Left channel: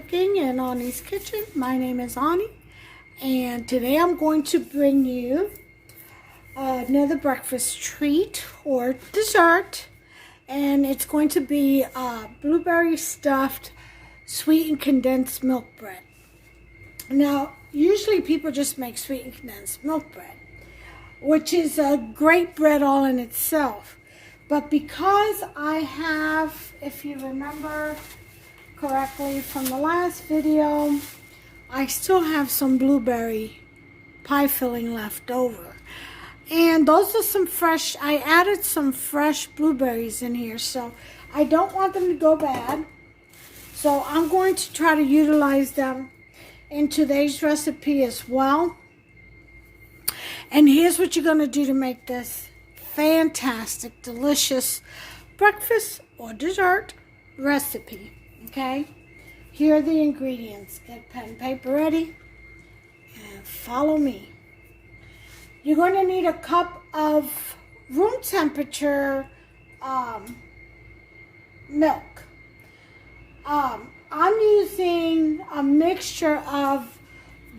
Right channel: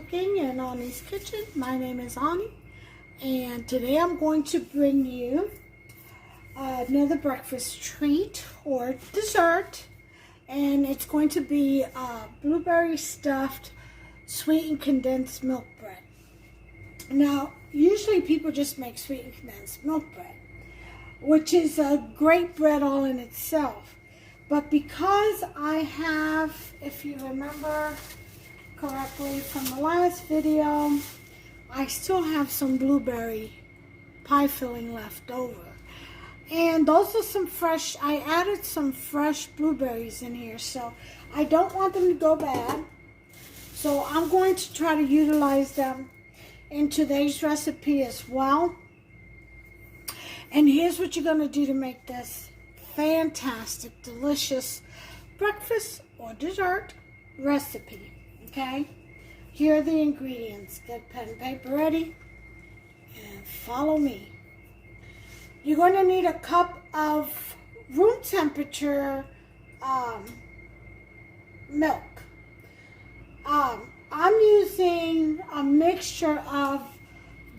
Cooking in Ani's Kitchen. My name is Ani, and today I'm going to bring you another breakfast treat or dessert, and it's going to be blueberry stuffed sweetened condensed milk bread. Now, usually people just make sweetened condensed milk bread, which is a great bread all in itself. But because I have, if you remember correctly from the last video, I still have some blueberry pie filling left over. And those are some fresh, I added some fresh blueberries in here, so I don't want them to go bad. So I'm going to try to utilize them in today's recipe as well. And here's what you're going to do to make this fantastic, delicious breakfast or dessert recipe. Okay, here are the ingredients. Get pen and paper ready and follow me. You're going to need a cup of room temperature milk. I'm using a mixture of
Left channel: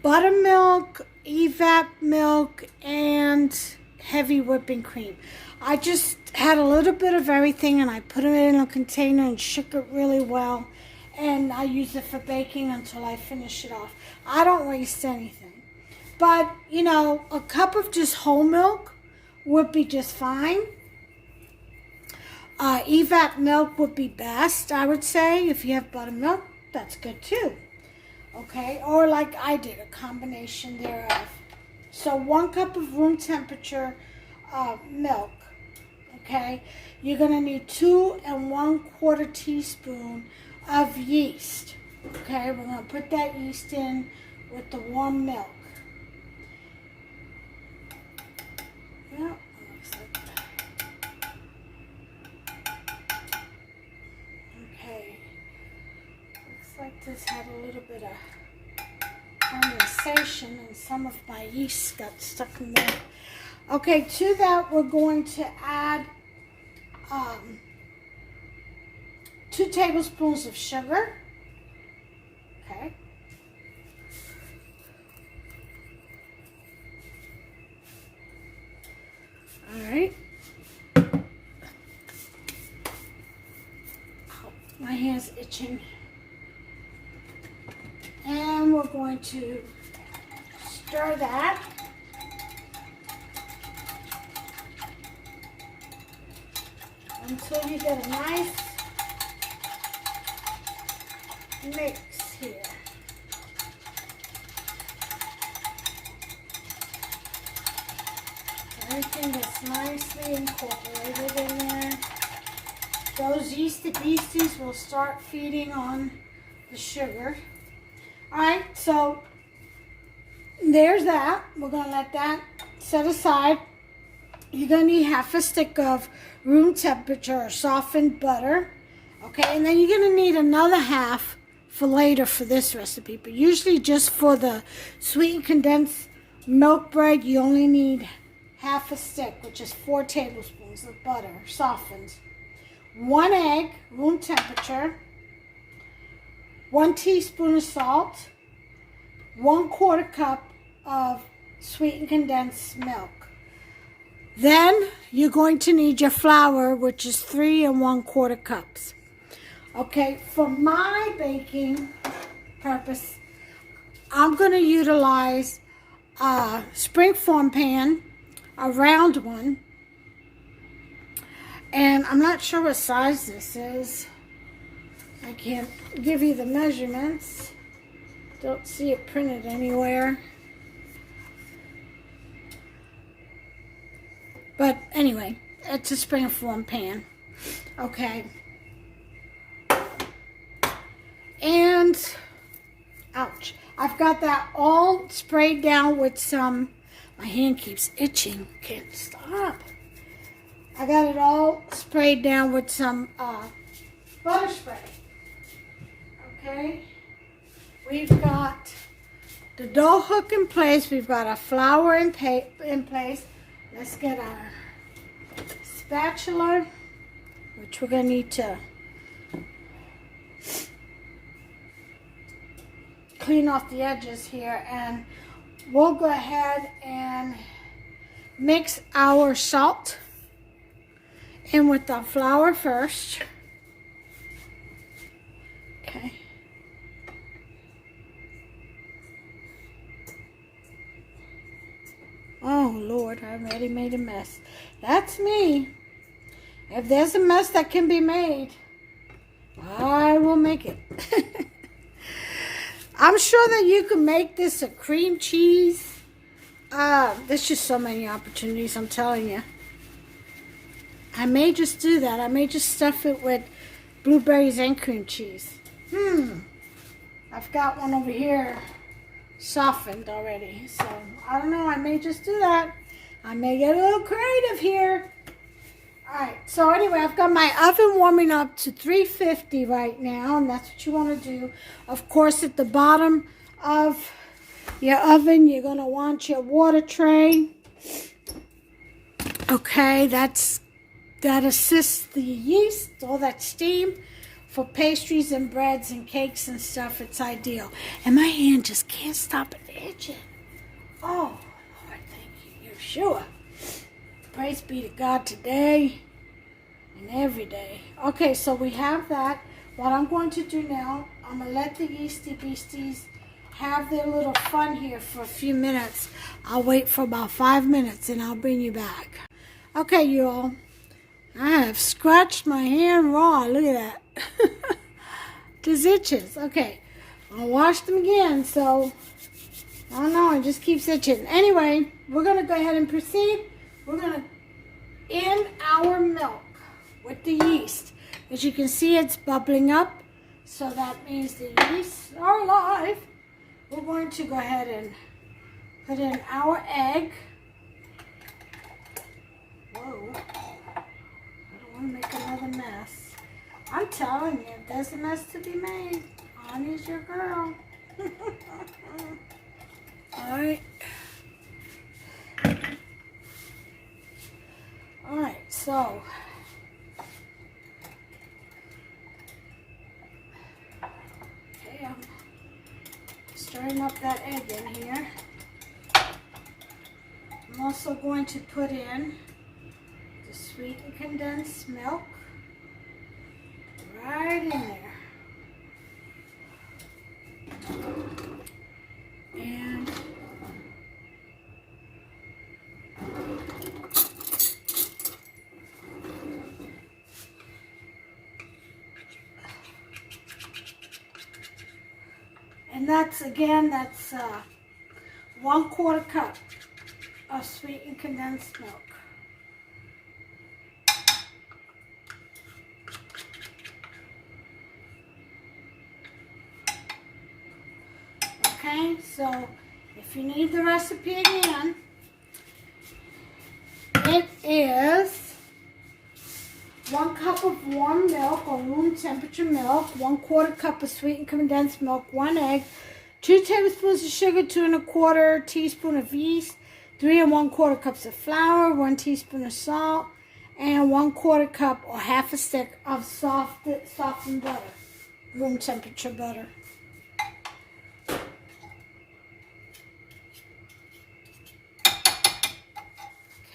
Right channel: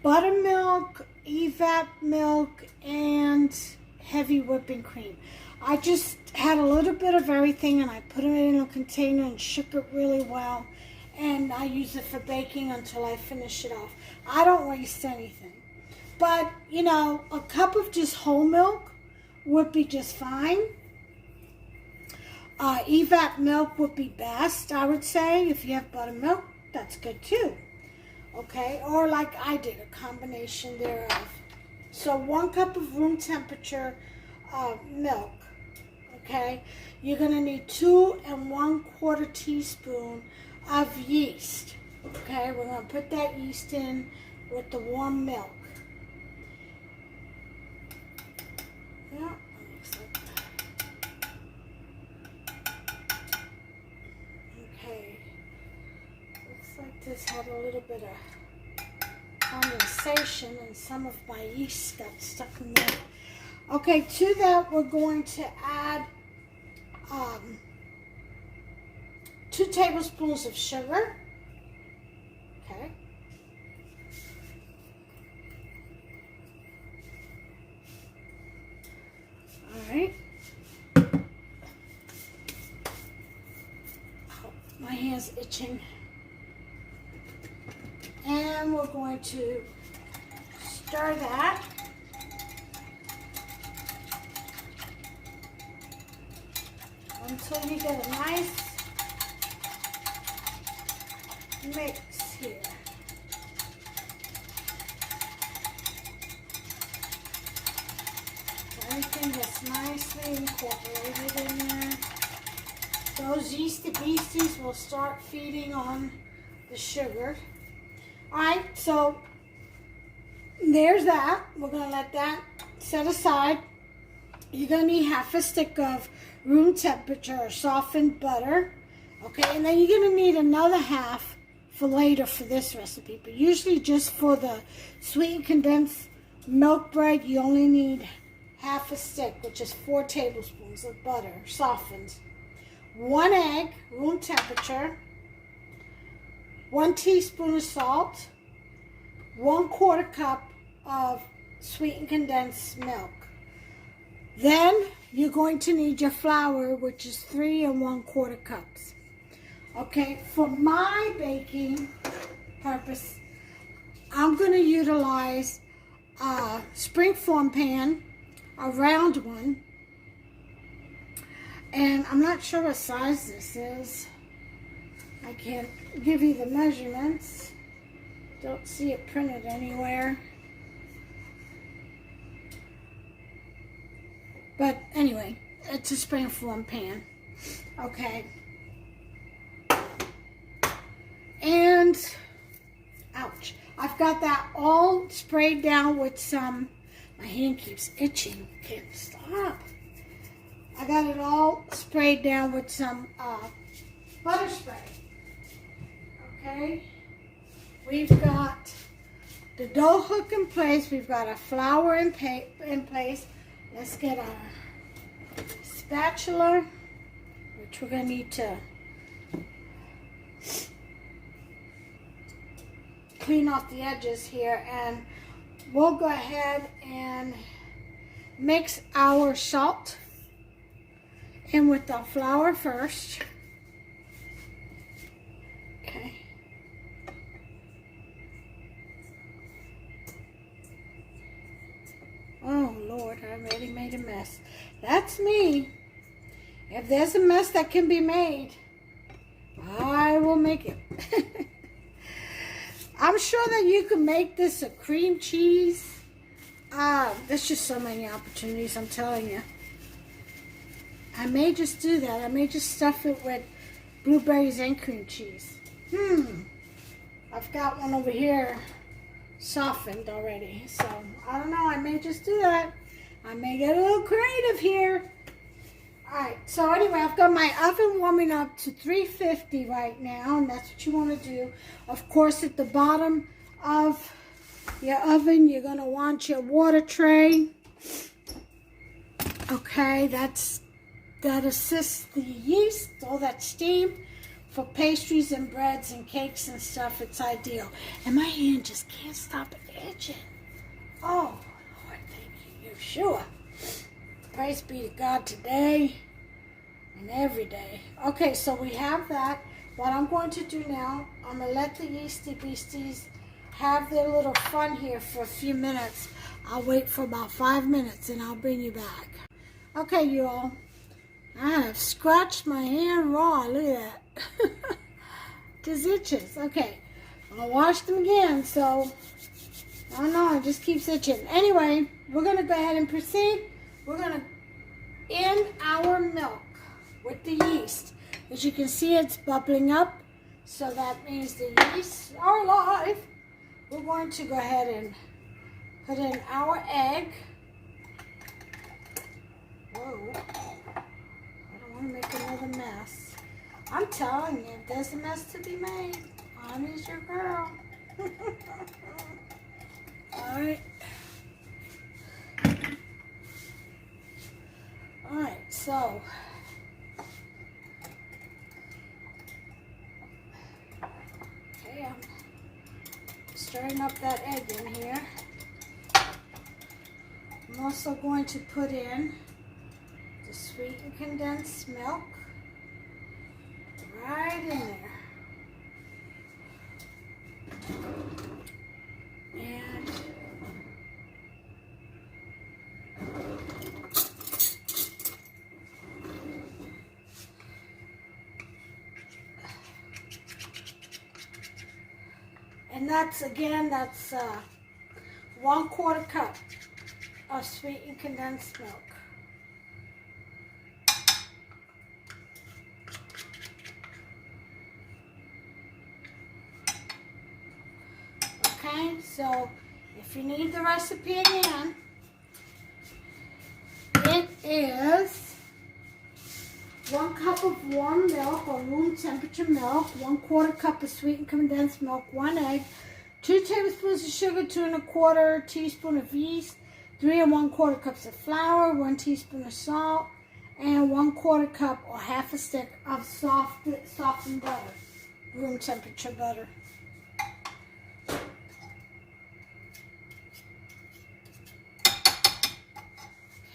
buttermilk, evap milk, and heavy whipping cream. I just had a little bit of everything and I put it in a container and shook it really well. And I use it for baking until I finish it off. I don't waste anything. But, you know, a cup of just whole milk would be just fine. Evap milk would be best, I would say. If you have buttermilk, that's good too. Okay, or like I did, a combination thereof. So 1 cup of room temperature milk. Okay, you're going to need 2 1/4 teaspoon of yeast. Okay, we're going to put that yeast in with the warm milk. Yeah, looks like that. Okay, looks like this had a little bit of condensation and some of my yeast got stuck in there. Okay, to that we're going to add 2 tablespoons of sugar. Okay. All right. My hand's itching. And we're going to stir that. Until you get a nice mix here. Everything gets nicely incorporated in there. Those yeasty beasties will start feeding on the sugar. Alright, so there's that. We're going to let that set aside. You're going to need half a stick of room temperature or softened butter. Okay, and then you're going to need another half for later for this recipe. But usually just for the sweetened condensed milk bread, you only need half a stick, which is 4 tablespoons of butter, softened. 1 egg, room temperature. 1 teaspoon of salt. 1/4 cup of sweetened condensed milk. Then you're going to need your flour, which is 3 1/4 cups. Okay, for my baking purpose, I'm going to utilize a springform pan, a round one. And I'm not sure what size this is. I can't give you the measurements. Don't see it printed anywhere. But anyway, it's a springform pan. Okay. And, ouch. I've got that all sprayed down with some, my hand keeps itching. Can't stop. I got it all sprayed down with some butter spray. Okay. We've got the dough hook in place. We've got our flour in place. Let's get our spatula, which we're going to need to clean off the edges here, and we'll go ahead and mix our salt in with our flour first. Okay. Oh Lord, I already made a mess. That's me. If there's a mess that can be made, I will make it. I'm sure that you can make this a cream cheese. There's just so many opportunities, I'm telling you. I may just do that. I may just stuff it with blueberries and cream cheese. I've got one over here softened already. So, I don't know. I may just do that. I may get a little creative here. Alright, so anyway, I've got my oven warming up to 350 right now, and that's what you want to do. Of course, at the bottom of your oven, you're going to want your water tray. Okay, that assists the yeast, all that steam. For pastries and breads and cakes and stuff, it's ideal. And my hand just can't stop itching. Oh, Lord, thank you, Yeshua. Praise be to God today and every day. Okay, so we have that. What I'm going to do now, I'm going to let the yeasty beasties have their little fun here for a few minutes. I'll wait for about 5 minutes and I'll bring you back. Okay, you all. I have scratched my hand raw. Look at that. Just itches. Okay. I'll wash them again, so I don't know, it just keeps itching. Anyway, we're going to go ahead and proceed. We're going to in our milk with the yeast. As you can see, it's bubbling up, so that means the yeast are alive. We're going to go ahead and put in our egg. Whoa. I don't want to make another mess. I'm telling you, if there's a mess to be made, Annie's your girl. Alright. Alright, so okay, I'm stirring up that egg in here. I'm also going to put in the sweetened condensed milk right in there. And that's, again, that's 1/4 cup of sweetened condensed milk. Okay, so if you need the recipe again, it is 1 cup of warm milk or room temperature milk, 1/4 cup of sweetened condensed milk, 1 egg, 2 tablespoons of sugar, 2 1/4 teaspoon of yeast, 3 1/4 cups of flour, 1 teaspoon of salt, and 1/4 cup or half a stick of softened butter, room temperature butter.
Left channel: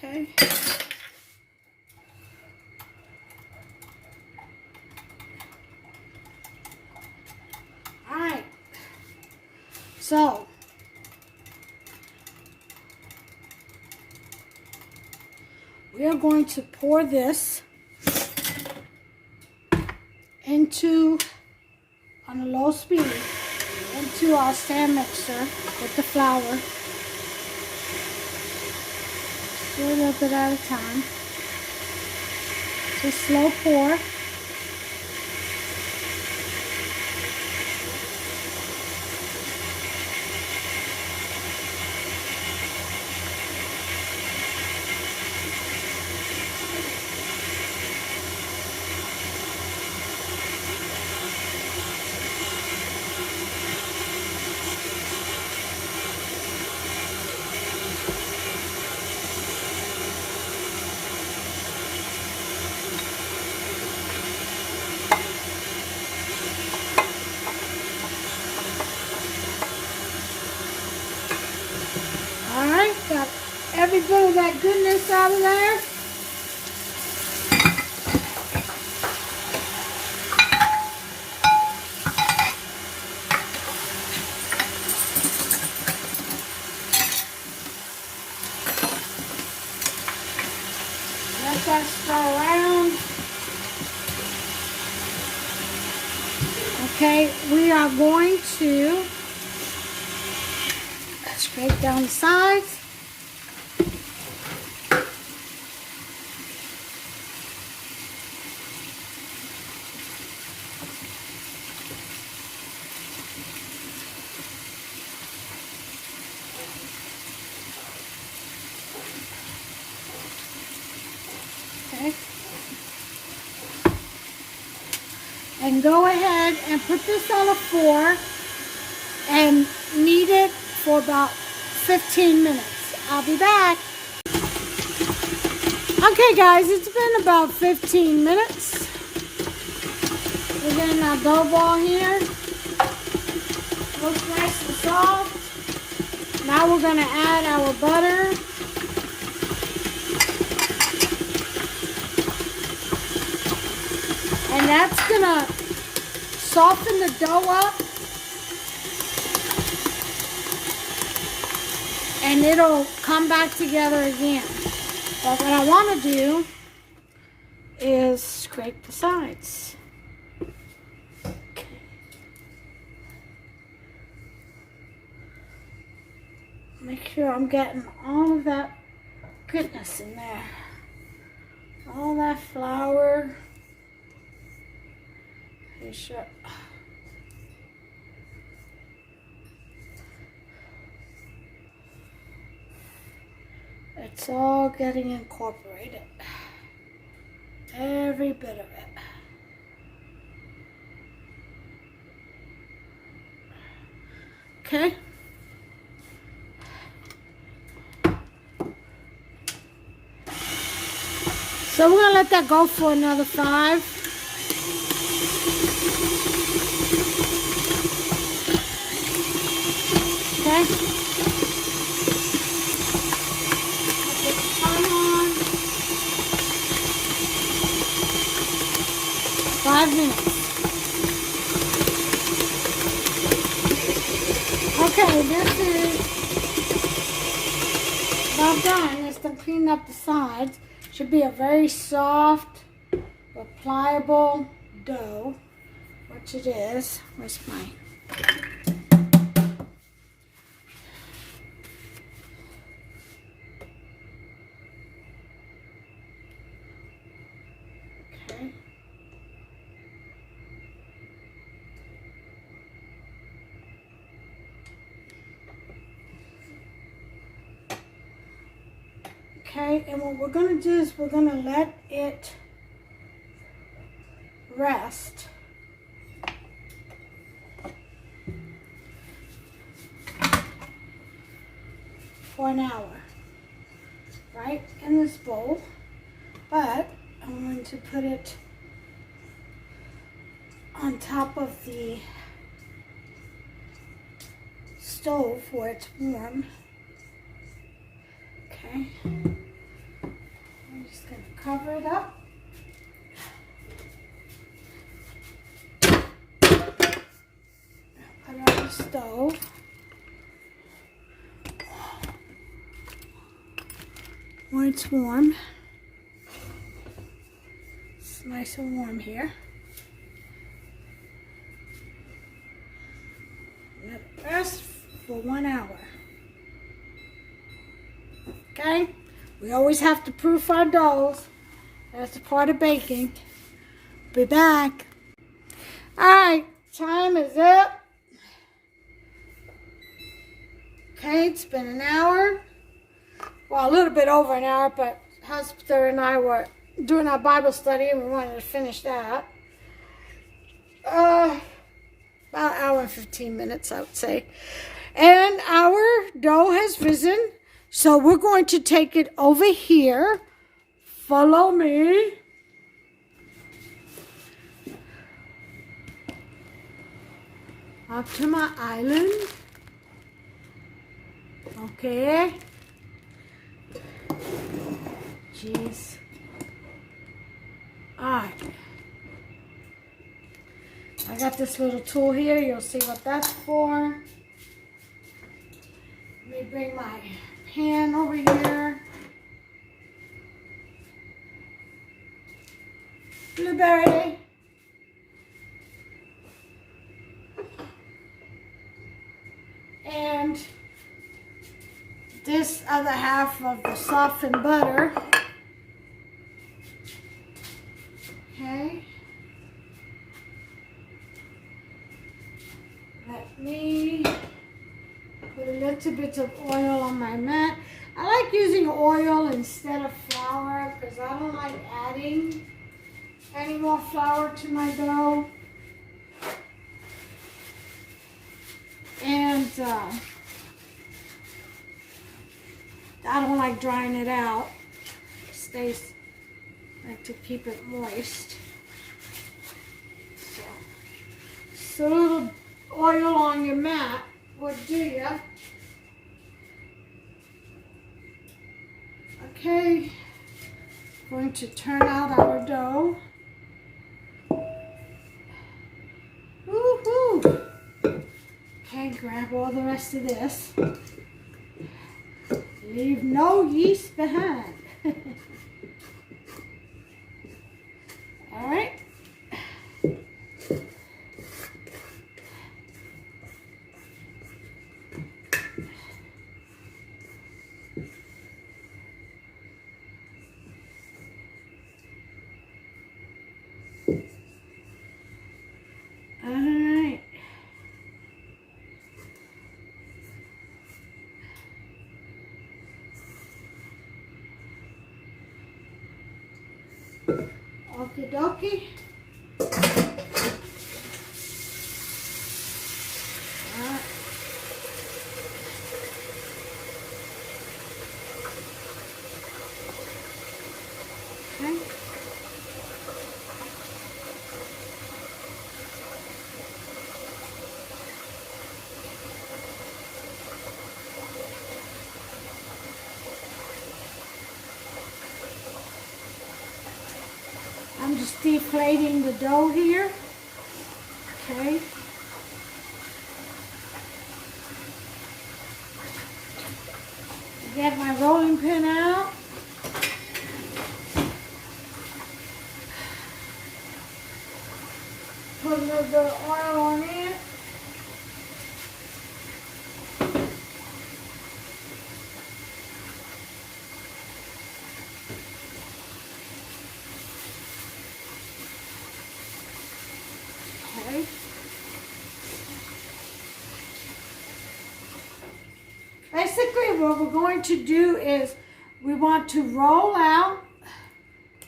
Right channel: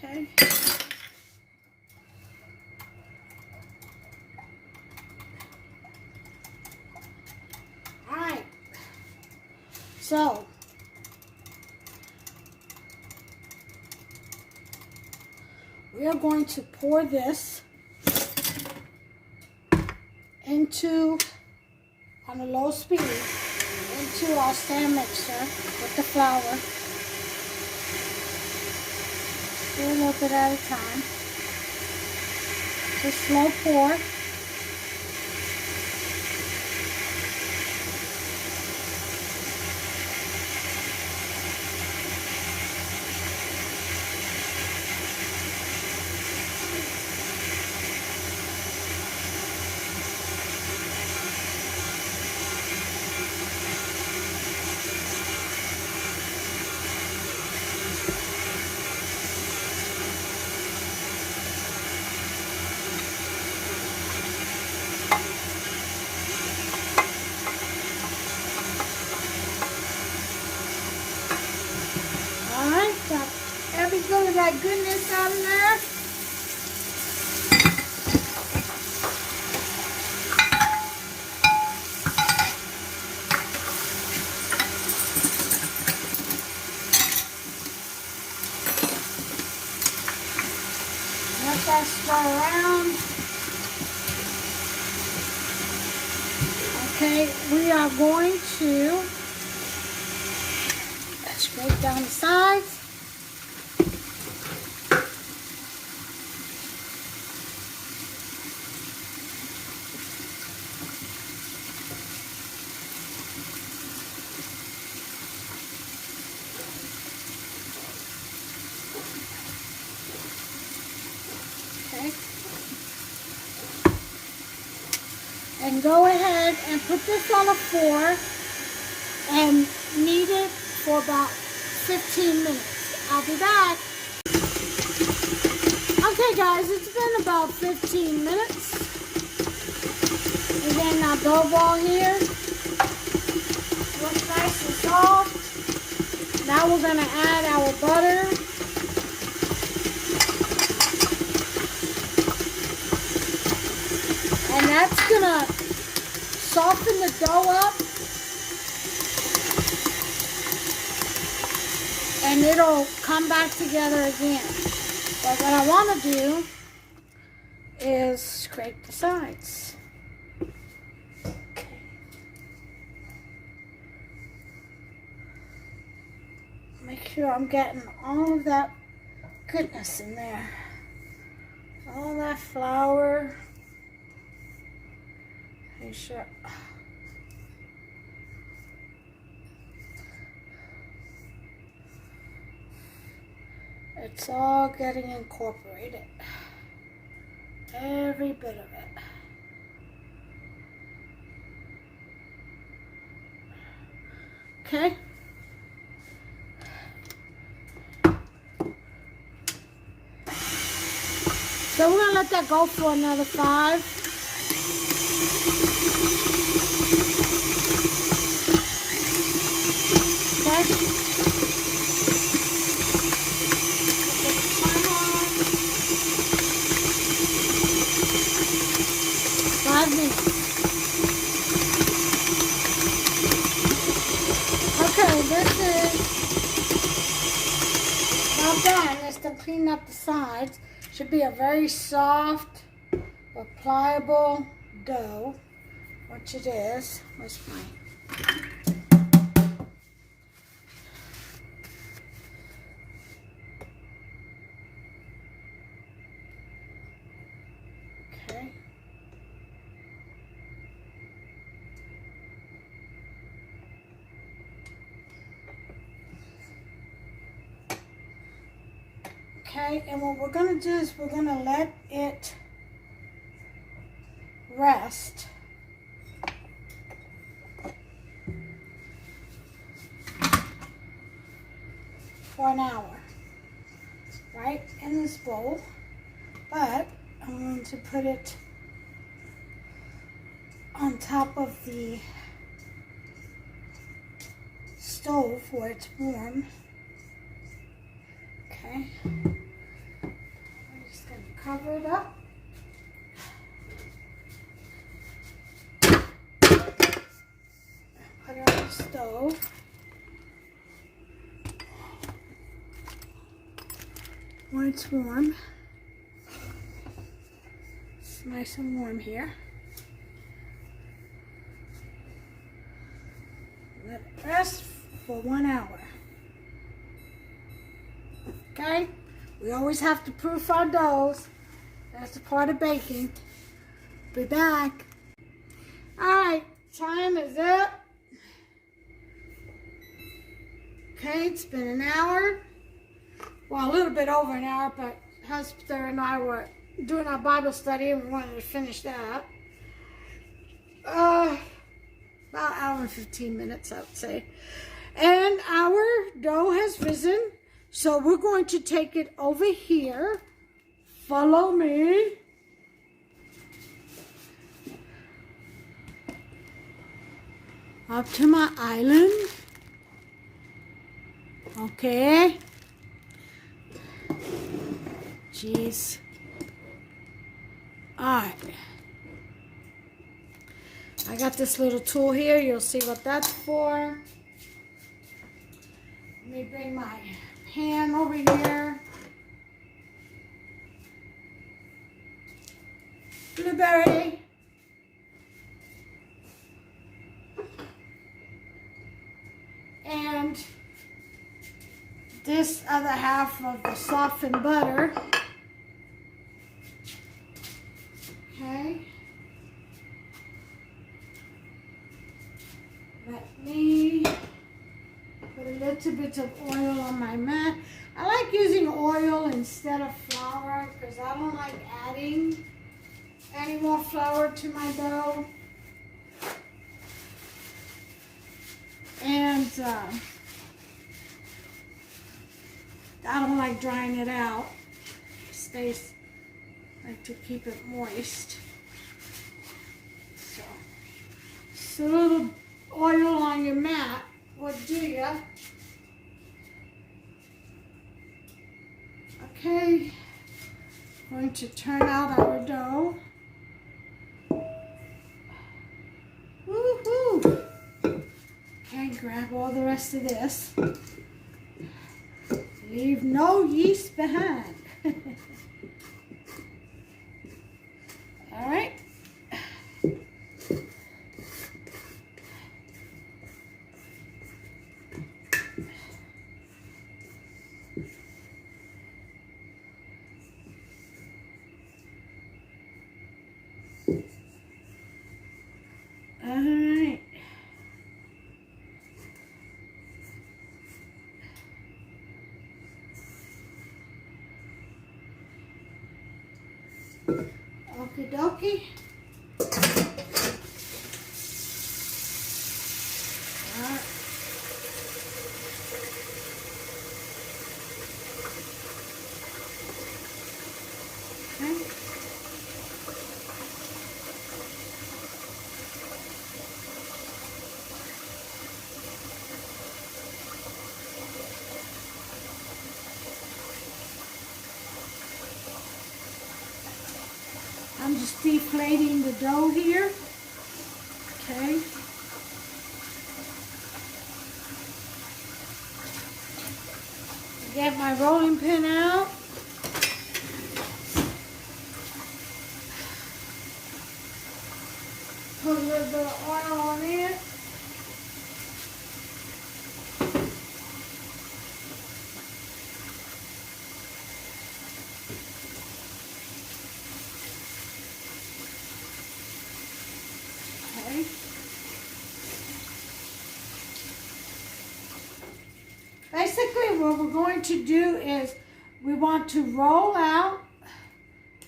Okay. Alright. So, we are going to pour this into, on a low speed, into our stand mixer with the flour. Do a little bit at a time. Just slow pour. of that goodness out of there. Let that stir around. Okay, we are going to scrape down the sides. Okay. And go ahead and put this on a fork and knead it for about 15 minutes. I'll be back. Okay guys, it's been about 15 minutes. We're getting our dough ball here. Looks nice and soft. Now we're going to add our butter. And that's going to soften the dough up. And it'll come back together again. But what I want to do is scrape the sides. Okay. Make sure I'm getting all of that goodness in there. All that flour. Make sure. It's all getting incorporated. Every bit of it. Okay. So we're going to let that go for another 5. Okay. 5 minutes. Okay, this is about done. Just to clean up the sides. Should be a very soft but pliable dough, which it is. Where's my... Okay. Okay, and what we're going to do is we're going to let it rest for an hour, right, in this bowl. But I'm going to put it on top of the stove where it's warm. Okay. I'm just going to cover it up. Put it on the stove. Where it's warm. It's nice and warm here. Let it rest for 1 hour. Okay? We always have to proof our doughs. That's a part of baking. Be back. Alright, time is up. Okay, it's been an hour. Well, a little bit over an hour, but Husband and I were doing our Bible study and we wanted to finish that. About an hour and 15 minutes, I would say. And our dough has risen. So we're going to take it over here. Follow me. Up to my island. Okay. Jeez. Alright. I got this little tool here. You'll see what that's for. Let me bring my pan over here. Blueberry. And this other half of the softened butter. Okay. Let me put a little bit of oil on my mat. I like using oil instead of flour because I don't like adding any more flour to my dough. And I don't like drying it out. It stays, I like to keep it moist. So a little oil on your mat would do ya. Okay, going to turn out our dough. Woohoo! Okay, grab all the rest of this. Leave no yeast behind. All right. Okie dokie. Alright. Okay. I'm just deflating the dough here. Okay. Get my rolling pin out. Put a little bit of oil on it. Okay. Basically, what we're going to do is we want to roll out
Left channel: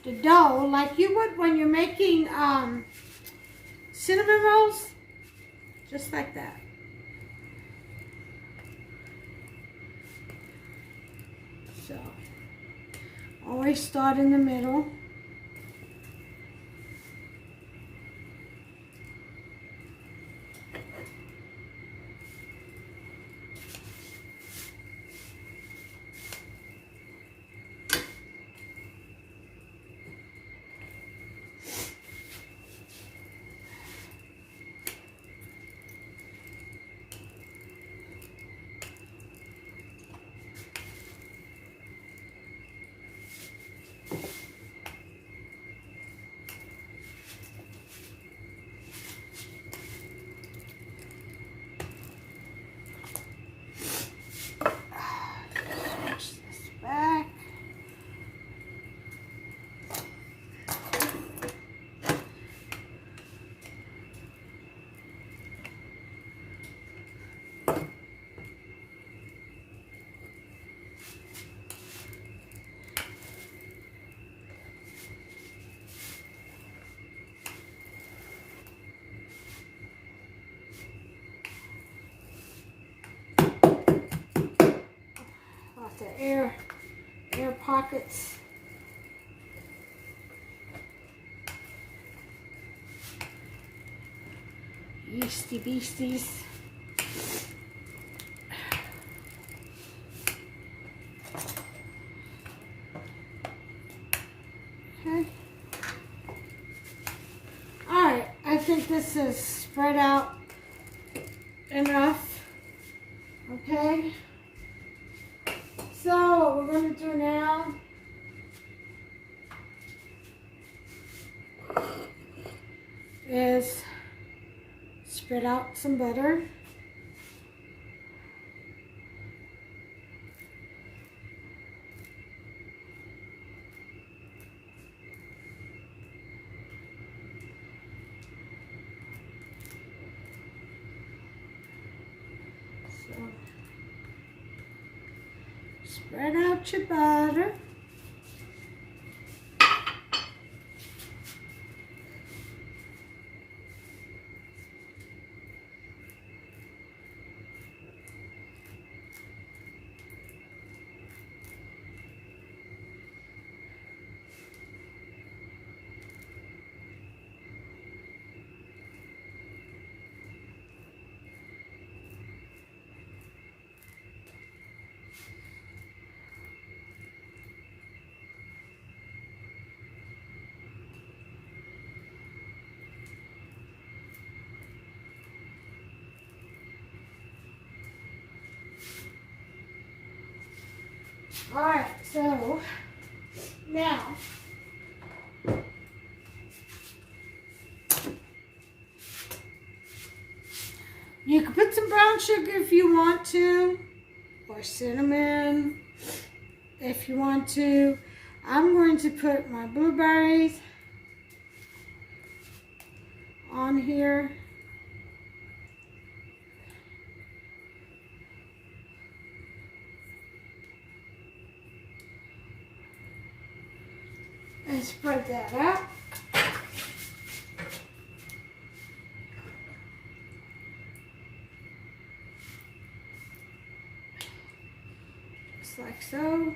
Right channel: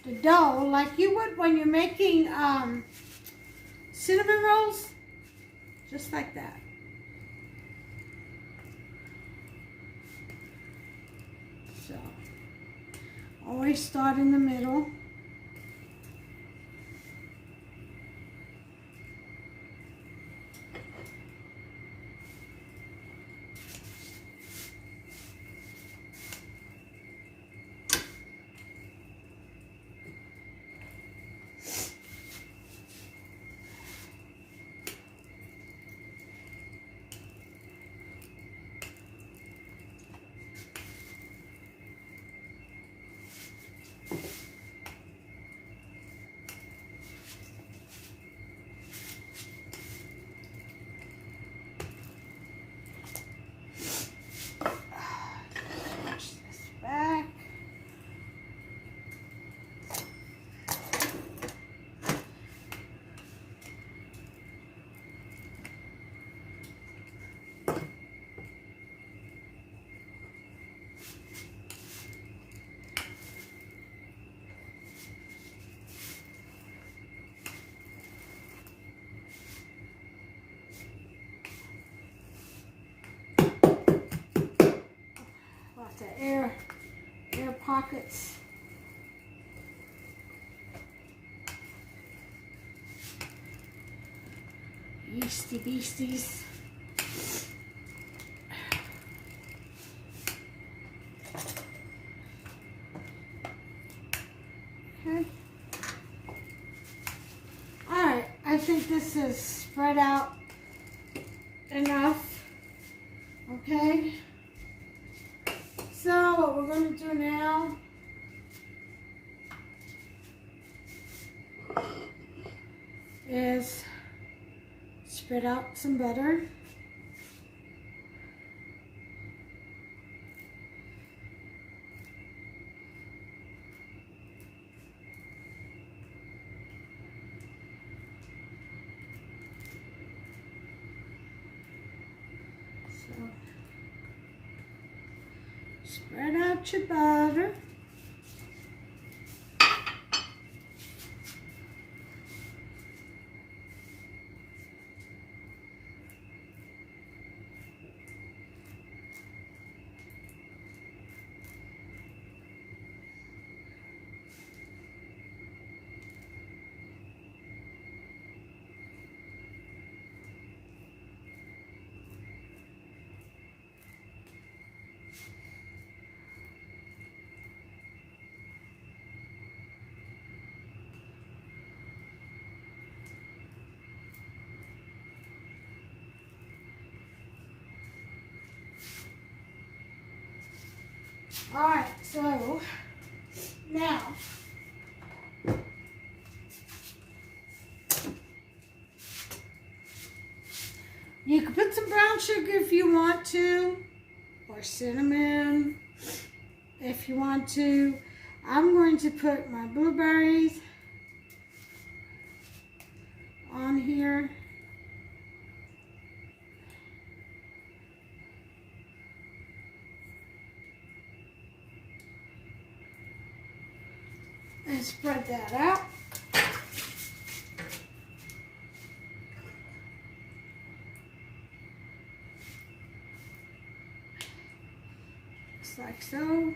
the dough like you would when you're making cinnamon rolls, just like that. So, always start in the middle. The air pockets. Yeasty beasties. Okay. Alright, I think this is spread out enough. Okay. So what we're going to do now is spread out some butter. So spread out your butter. Alright, so now you can put some brown sugar if you want to, or cinnamon if you want to. I'm going to put my blueberries on here. And spread that out. Just like so.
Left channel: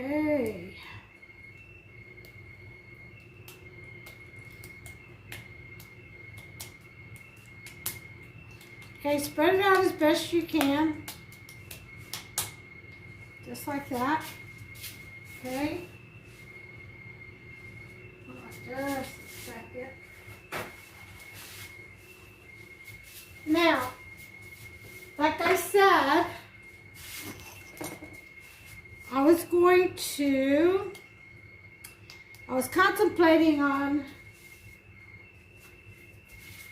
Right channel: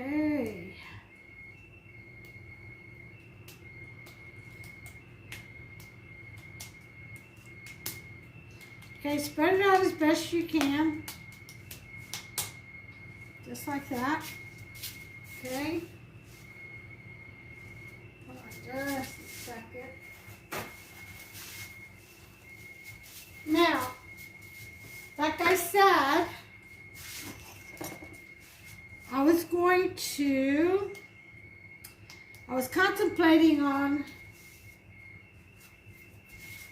Okay. Okay, spread it out as best you can. Just like that. Okay. Hold on just a second. Now, like I said, I was contemplating on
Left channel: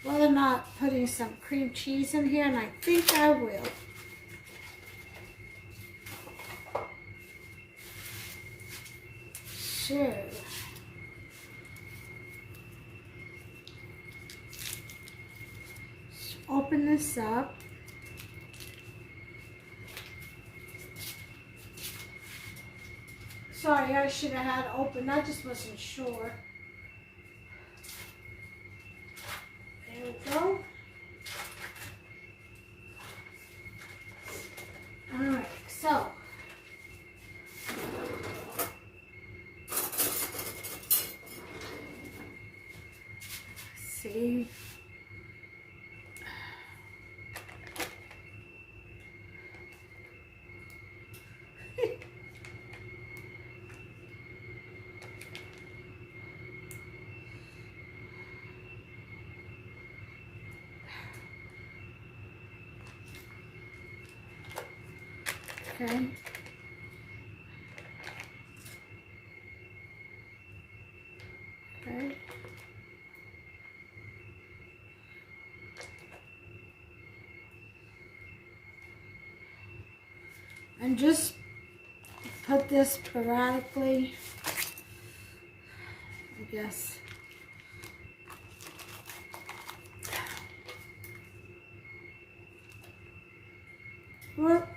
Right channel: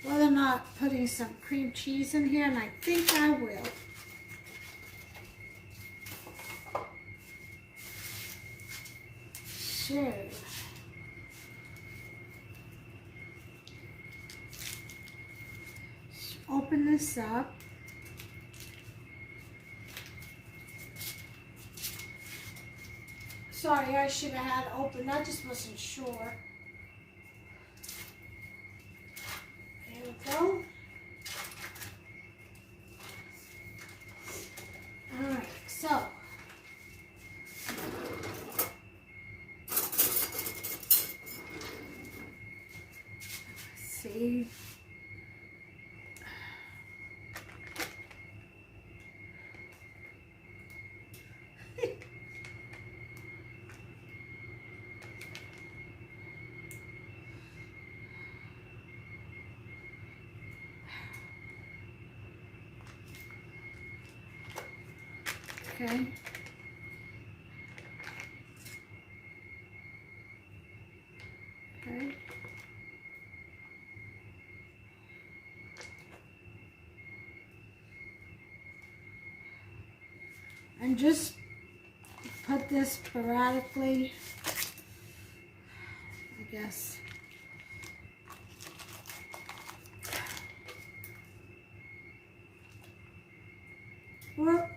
whether or not putting some cream cheese in here, and I think I will. So, let's open this up. Sorry, I should have had it open. I just wasn't sure. There we go. Alright, so. Let's see. Okay. Okay. And just put this sporadically, I guess. Whoop.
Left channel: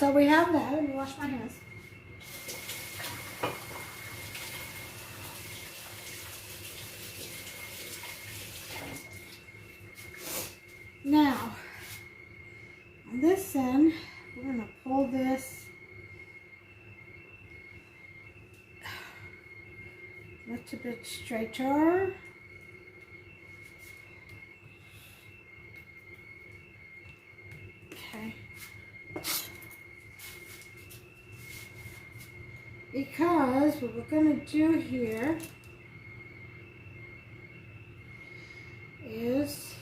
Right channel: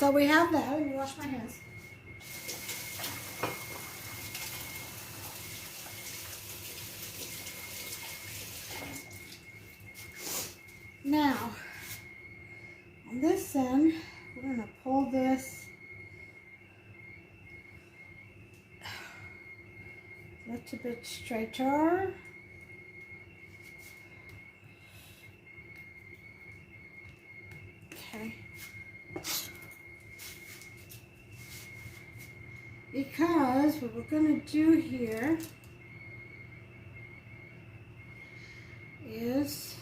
So we have that. Let me wash my hands. Now, on this end, we're going to pull this a little bit straighter. Okay. Because what we're going to do here is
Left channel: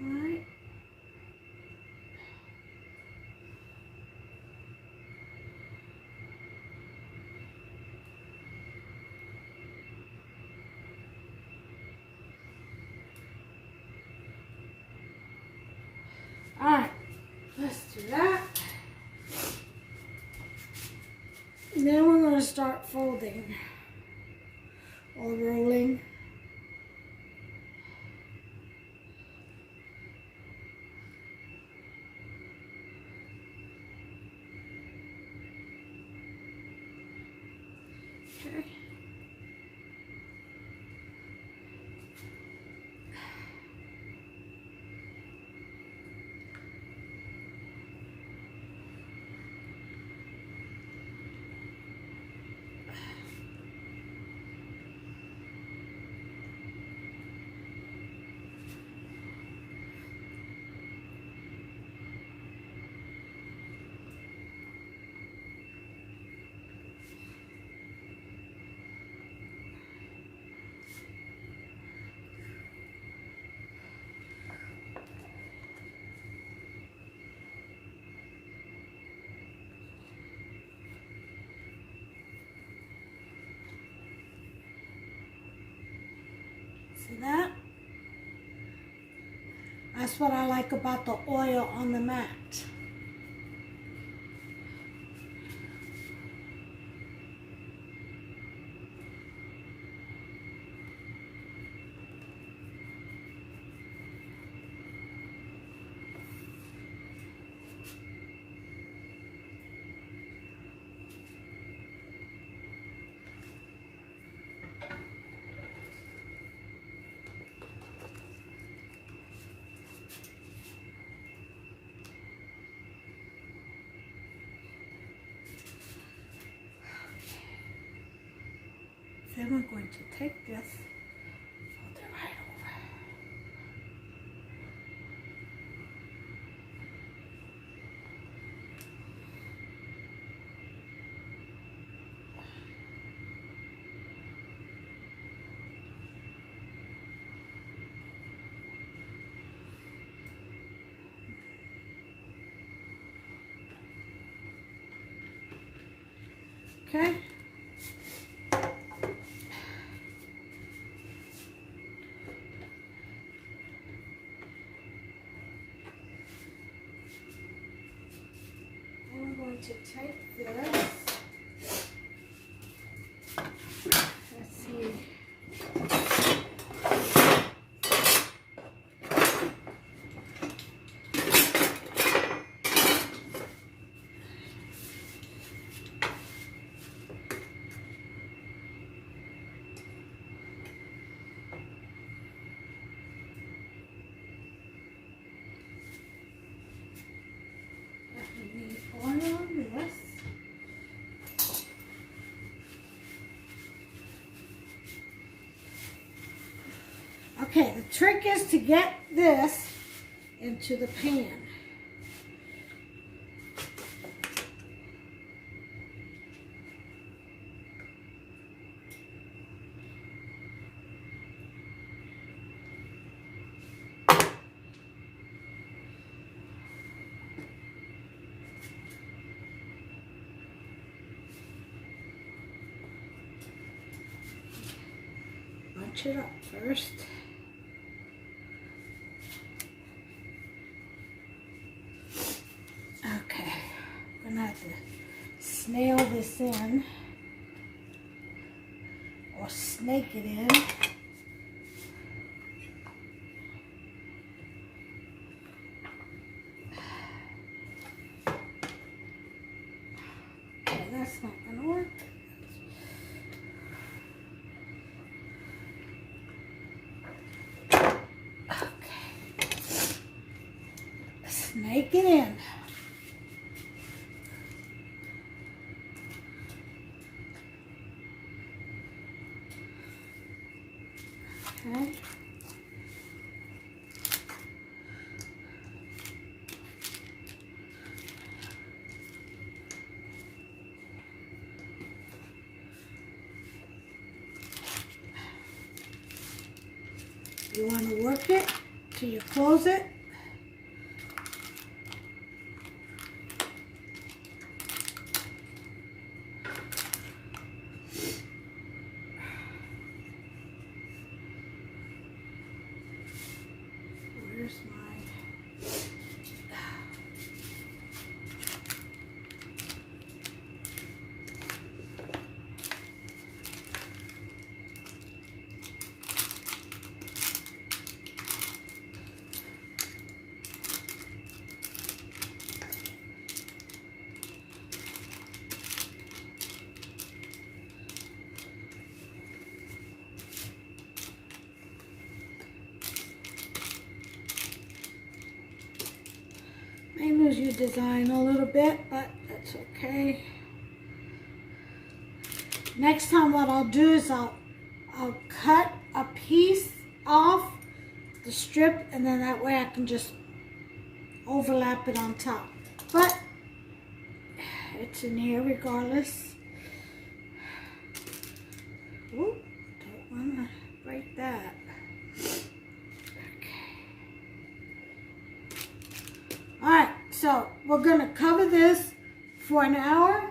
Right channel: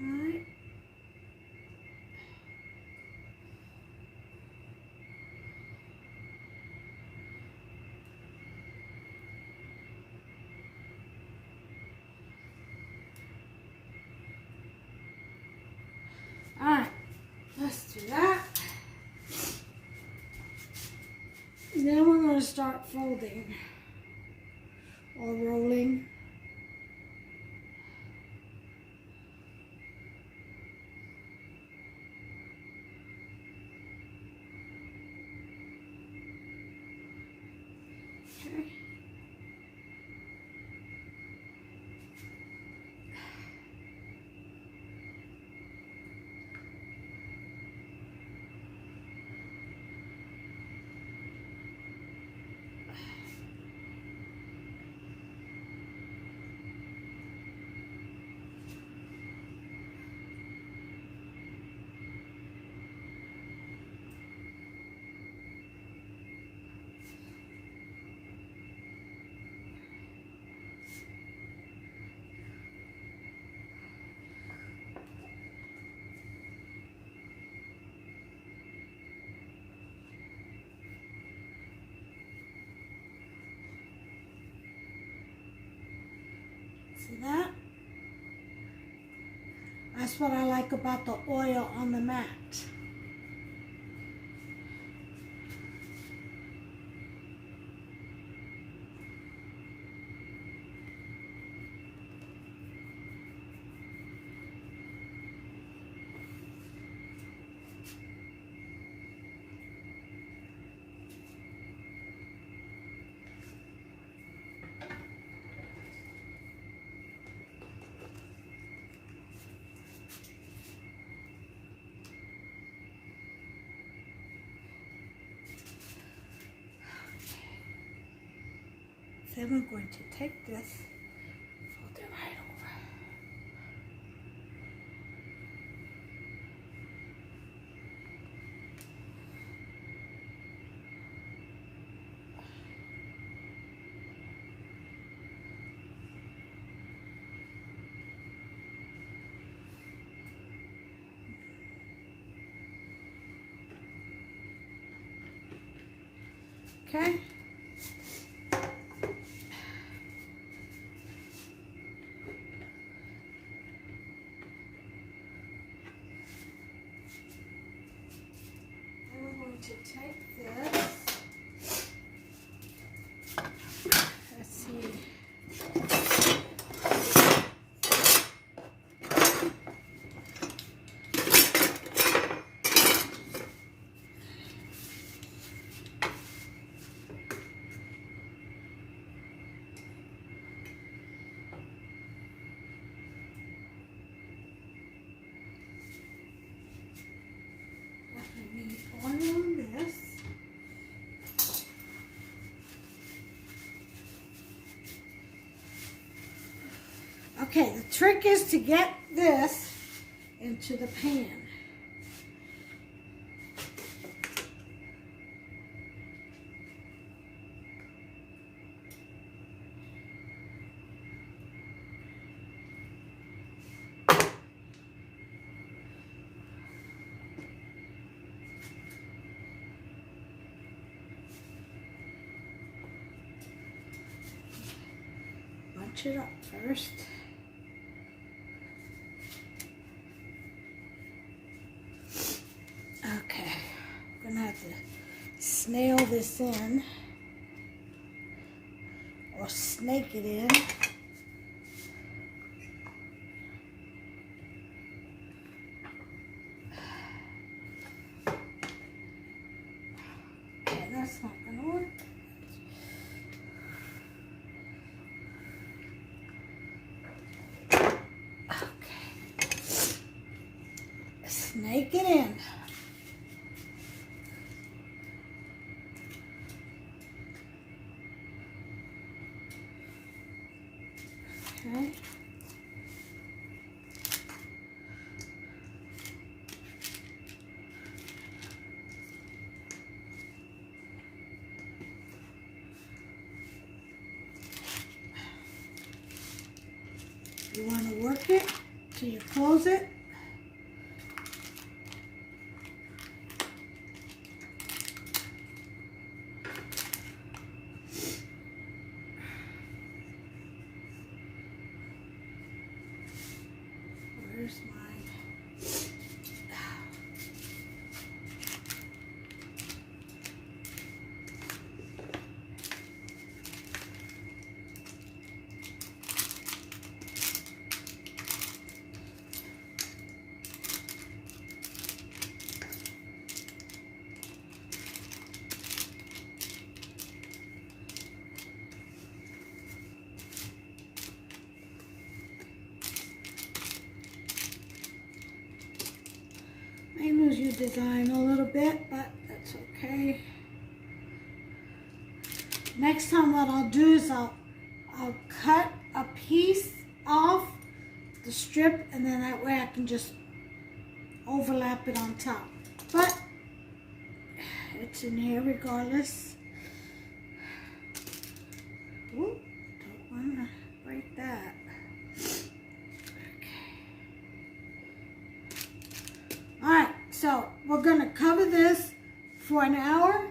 right. All right, let's do that. And then we're going to start folding or rolling. Okay. See that? That's what I like about the oil on the mat. Then we're going to take this, fold it right over. Okay. And we're going to take this. Let's see. Oil on this. Okay, the trick is to get this into the pan. scooch it up first. Okay, I'm gonna have to snail this in, or snake it in. Okay, that's not gonna work. Snake it in. Okay. You want to work it till you close it. Where's my... May lose your design a little bit, but that's okay. Next time what I'll do is I'll cut a piece off the strip, and then that way I can just overlap it on top. But it's in here regardless. Ooh, don't want to break that. Alright, so we're going to cover this for an hour.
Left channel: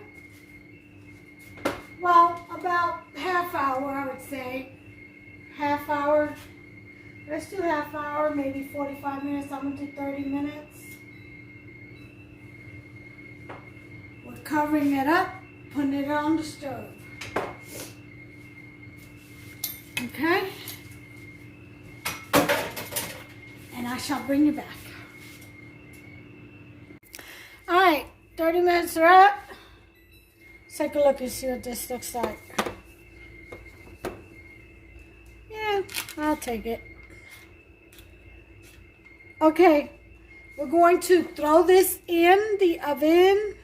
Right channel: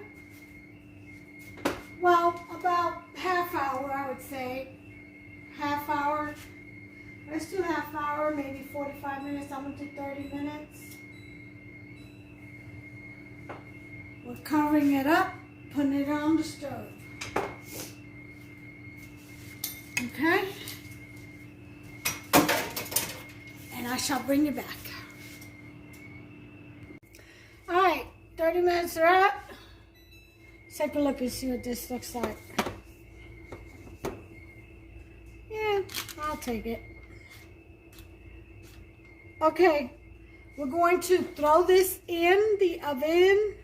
Well, about half hour, I would say. Half hour. Let's do half hour, maybe 45 minutes. I'm going to do 30 minutes. We're covering it up, putting it on the stove. Okay? And I shall bring you back. Alright, 30 minutes are up. Let's take a look and see what this looks like. Yeah, I'll take it. Okay, we're going to throw this in the oven.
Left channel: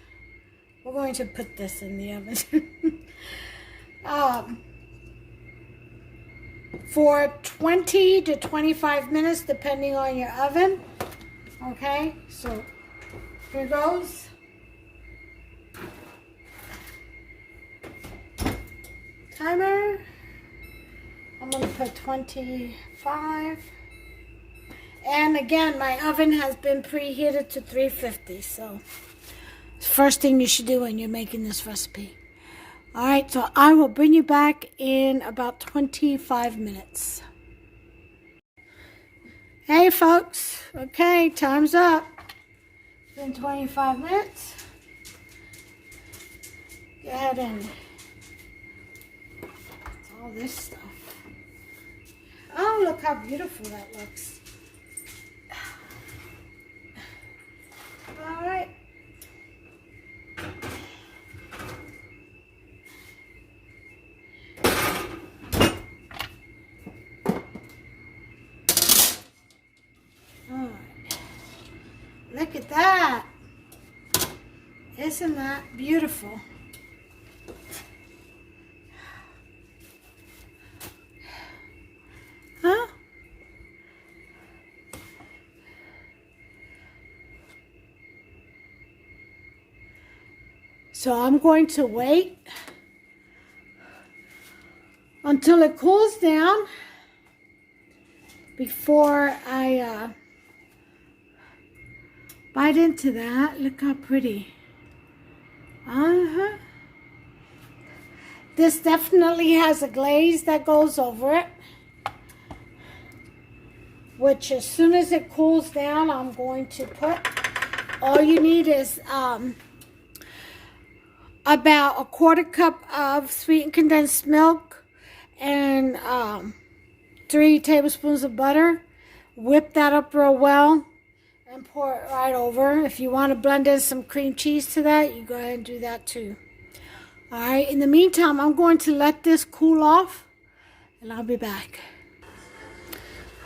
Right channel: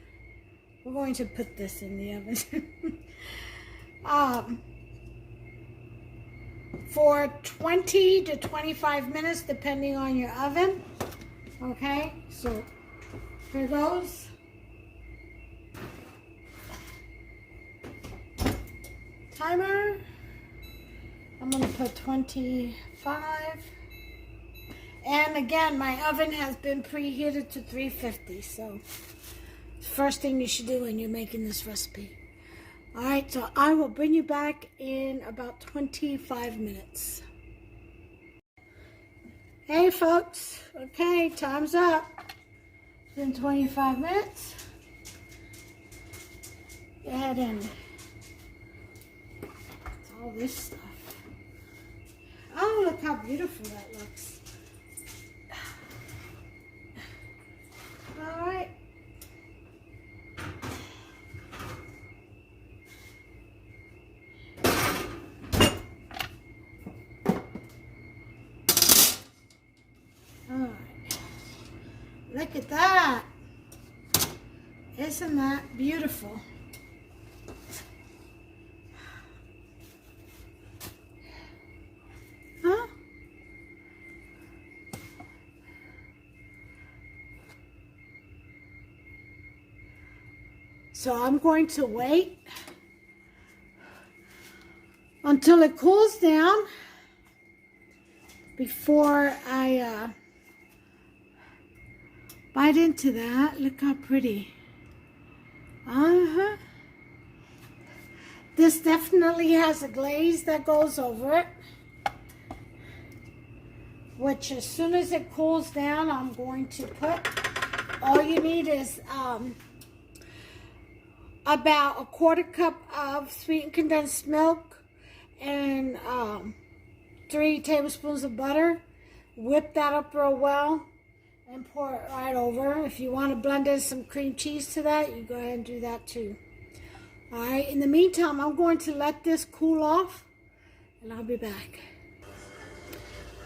We're going to put this in the oven. For 20 to 25 minutes, depending on your oven. Okay, so here goes. Timer. I'm going to put 25. And again, my oven has been preheated to 350. So, it's the first thing you should do when you're making this recipe. Alright, so I will bring you back in about 25 minutes. Hey folks, okay, time's up. It's been 25 minutes. Go ahead and all this stuff. Oh, look how beautiful that looks. Alright. Look at that. Isn't that beautiful? Huh? So I'm going to wait until it cools down before I bite into that. Look how pretty. This definitely has a glaze that goes over it. which as soon as it cools down, I'm going to put, all you need is about a quarter cup of sweetened condensed milk and 3 tablespoons of butter. Whip that up real well and pour it right over. If you want to blend in some cream cheese to that, you go ahead and do that too. All right, in the meantime, I'm going to let this cool off and I'll be back.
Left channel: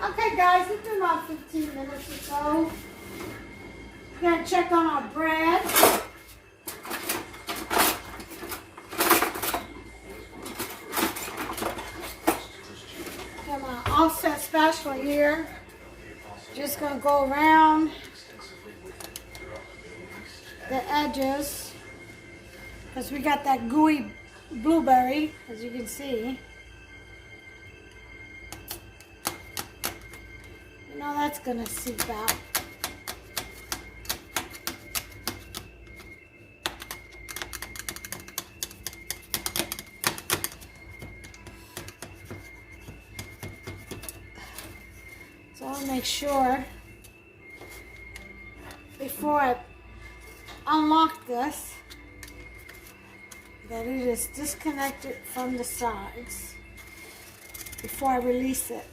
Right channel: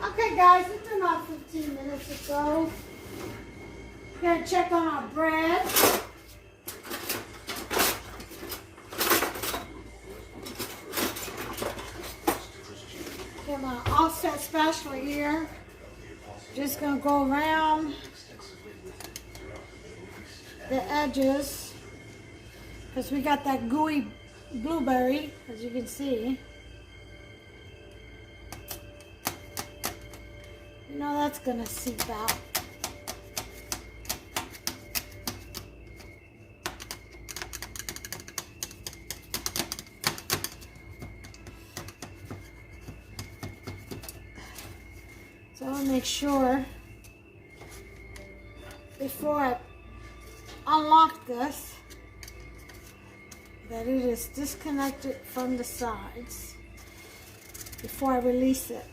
Okay guys, it's been about 15 minutes or so. We're gonna check on our bread. Got my offset spatula here. Just gonna go around the edges because we got that gooey blueberry, as you can see. You know that's gonna seep out. So I'll make sure before I unlock this that it is disconnected from the sides before I release it.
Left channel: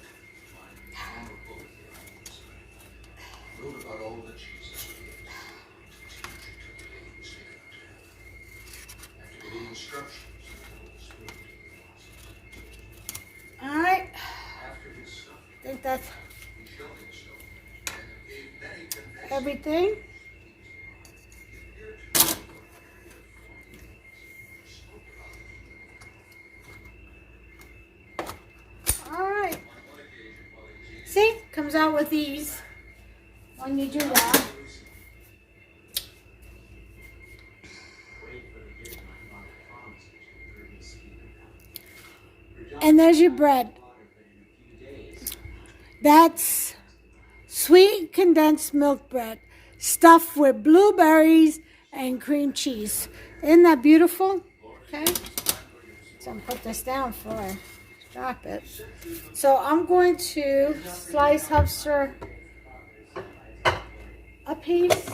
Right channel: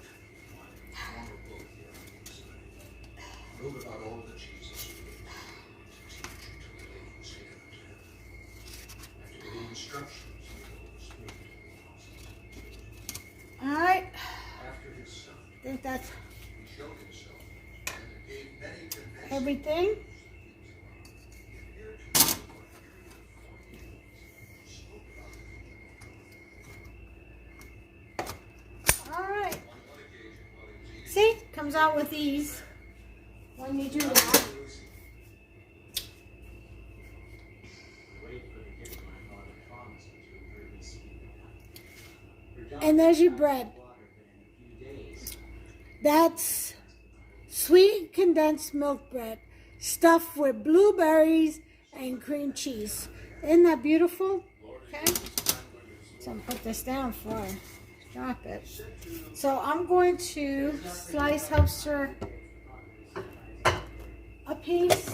All right, I think that's everything. All right. See, comes out with ease when you do that. And there's your bread. That's sweet condensed milk bread stuffed with blueberries and cream cheese. Isn't that beautiful? Okay. So I'm gonna put this down before I drop it. So I'm going to slice Hufster a piece.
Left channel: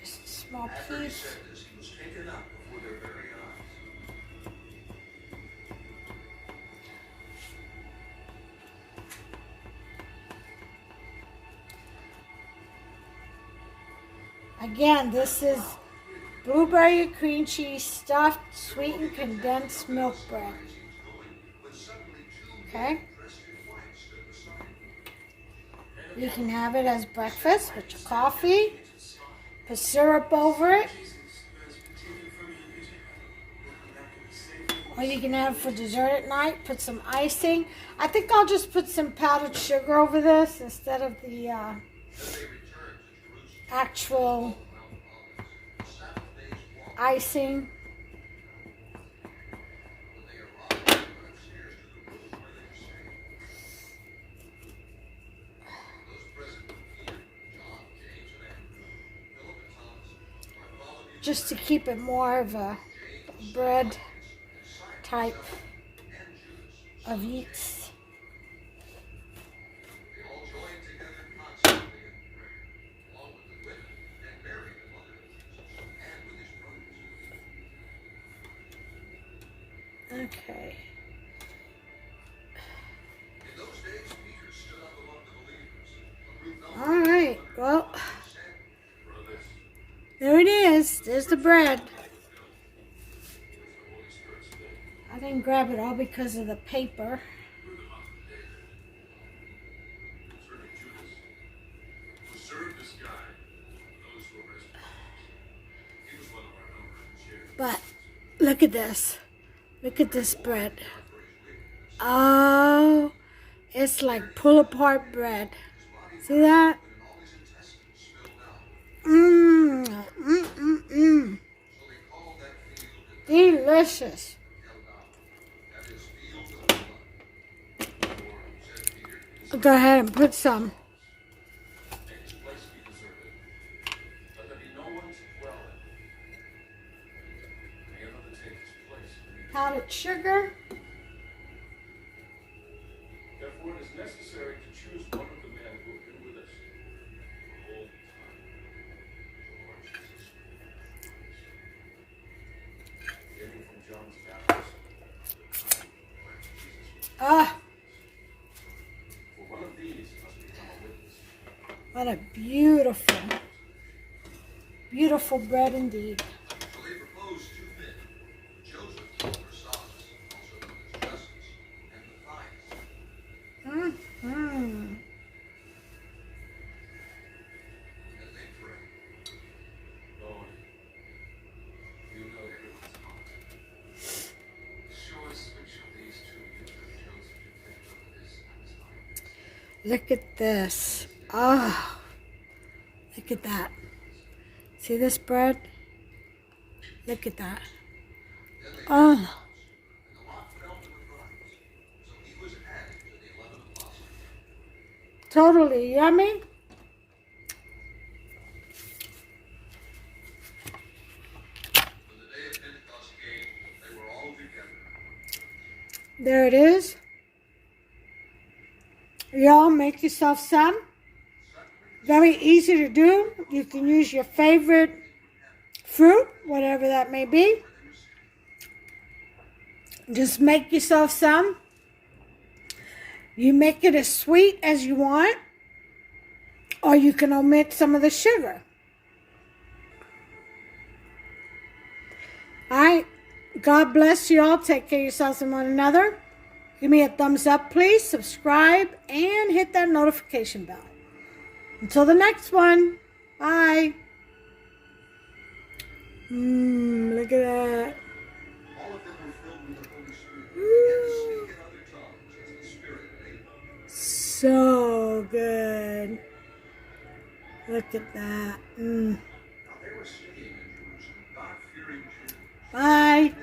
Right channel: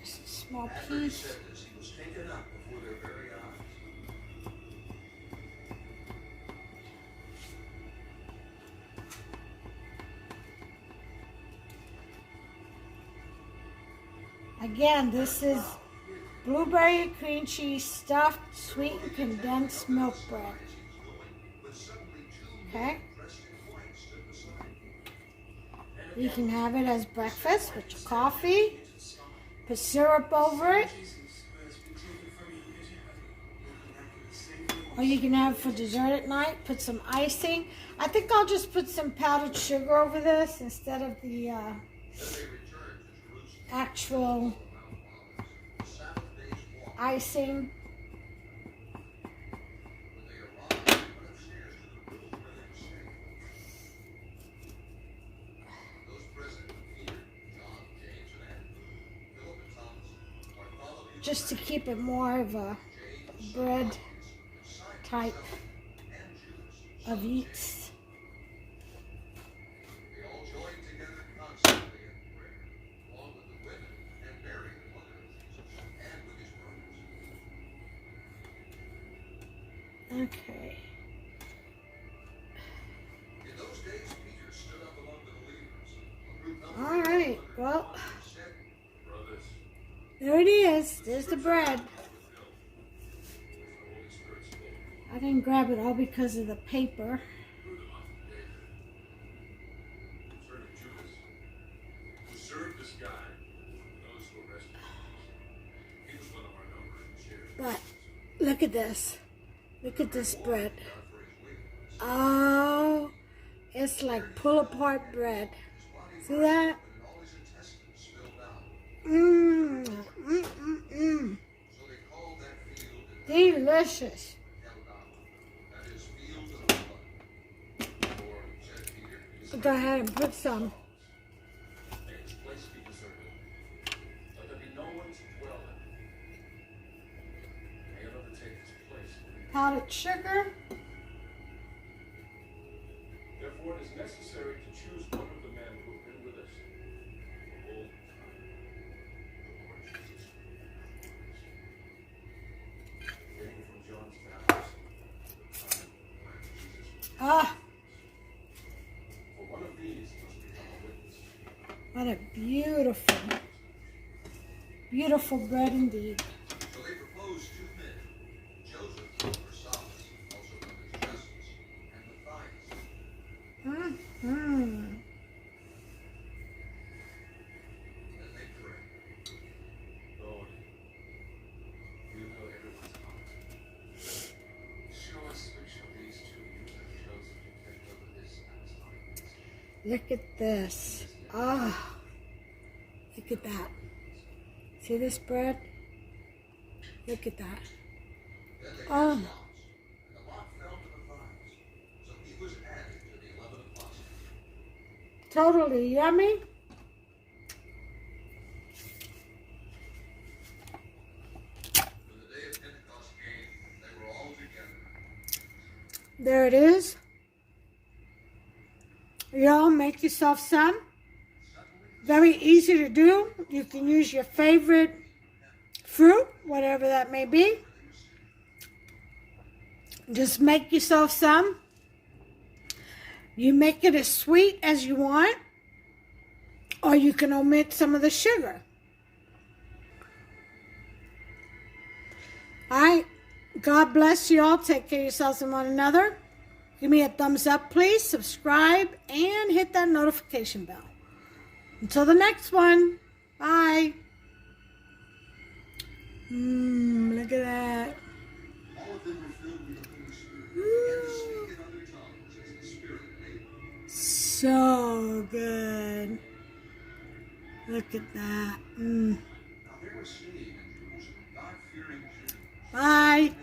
Just a small piece. Again, this is blueberry cream cheese stuffed sweetened condensed milk bread. Okay? You can have it as breakfast with your coffee. Put syrup over it. Or you can have for dessert at night. Put some icing. I think I'll just put some powdered sugar over this instead of the actual icing. Just to keep it more of a bread type of yeast. Okay. All right, well, there it is. There's the bread. I didn't grab it all because of the paper. But look at this. Look at this bread. Oh, it's like pull apart bread. See that? Delicious. Go ahead and put some. Powdered sugar. Therefore, it is necessary to choose one of the men who have been with us the whole time. Taken from John's baptism, Ah, for one of these must become a witness. what a beautiful, beautiful bread indeed. So they proposed two men, Joseph or Silas, also known as Justus, and Matthias. Mm-hmm. And they prayed, Lord, you know everyone's heart. Show us which of these two you have chosen to take over this apostolic. Look at this. Ah, look at that. See this bread? Look at that. Oh, And the lot fell to Matthias, so he was added to the 11 apostles. totally yummy. When the day of Pentecost came, they were all together. There it is. Y'all make yourself some. Very easy to do. You can use your favorite fruit, whatever that may be. Just make yourself some. You make it as sweet as you want, or you can omit some of the sugar. All right. God bless you all. Take care of yourselves and one another. Give me a thumbs up, please. Subscribe and hit that notification bell. Until the next one. Bye. Look at that. All of them were filled with the Holy Spirit and began to speak in other tongues as the Spirit made them. So good. Look at that. Now they were staying in Jerusalem, God-fearing Jews. Bye.